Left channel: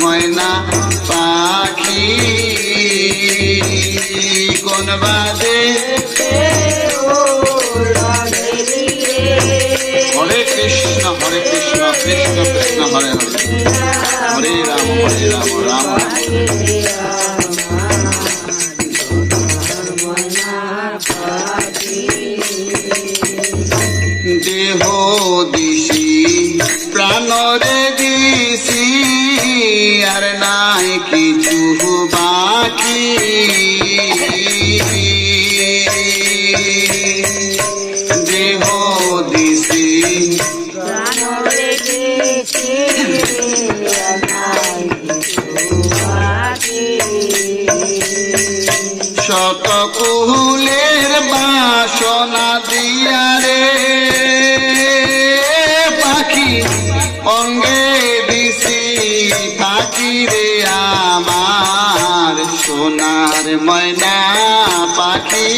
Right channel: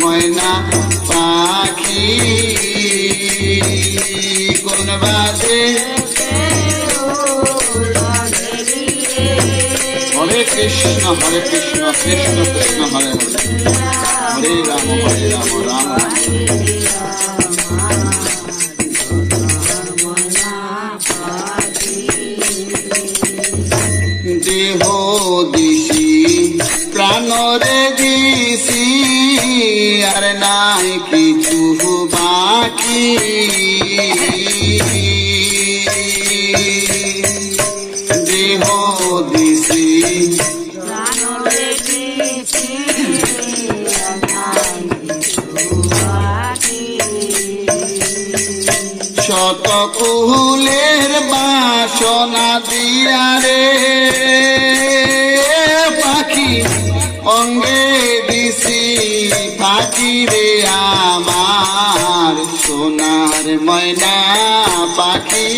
ময়না পাখি কোন বাদে হরে কৃষ্ণ কৃষ্ণ কৃষ্ণ হরে হরে হরে রাম রাম রাম দেহ দিশি প্রাণরে দিশি আর নাই কিছু বাকি দেহ দিশি শত কুলের বাসনা দিয়া রে পাখি অঙ্গে দিছি পাখি রে আমার সোনার ময়না পাখি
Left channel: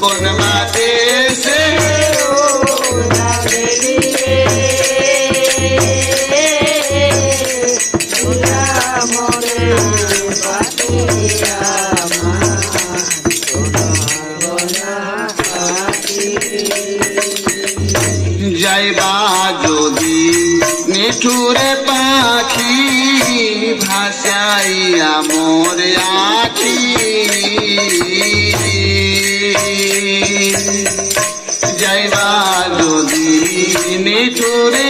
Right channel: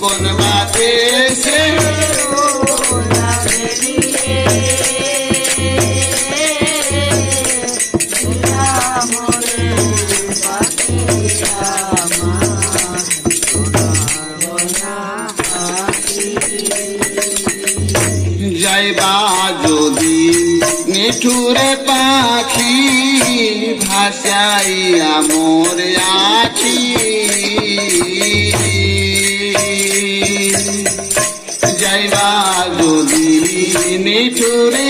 কোন দেশে যাইবা যদি নিঠুরে পাখি ভাসাইয়া মোর আখি যাইবা যদি নিঠুরে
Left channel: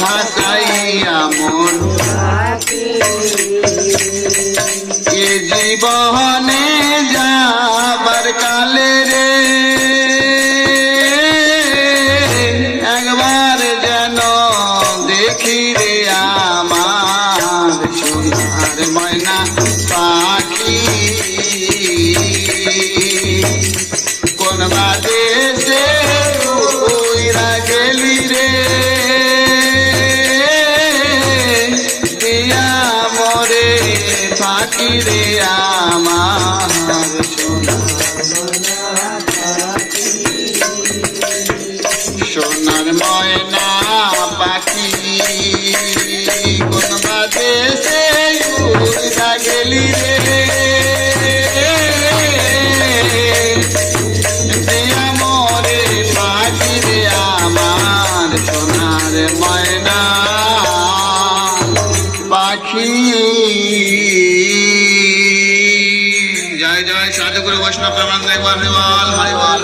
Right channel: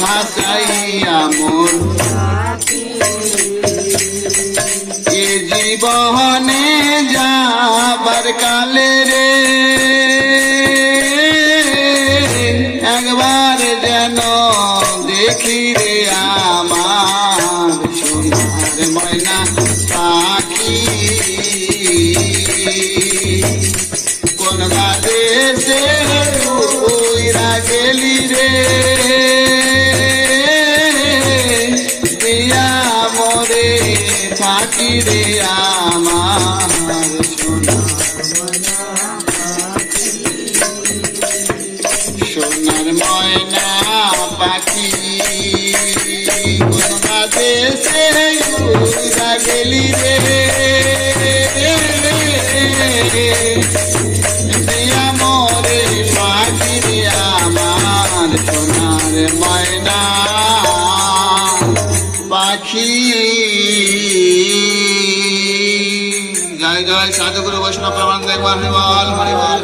ভাসাইয়া মোর এ জীবনে যাবার কালে রে একবার যেন দেখি রে আমার সোনার ময়না পাখি কোন দেশে উইরা গেলি রে দিয়া মরে পাখি রে আমার সোনার ময়না পাখি কোন দেশে উইরা গেলি রে দিয়া মরে পাখি রে আমার সোনার ময়না পাখি। জয় জয় সাধুগুরু বৈষ্ণব প্রমাণ হরিবল হরিবল।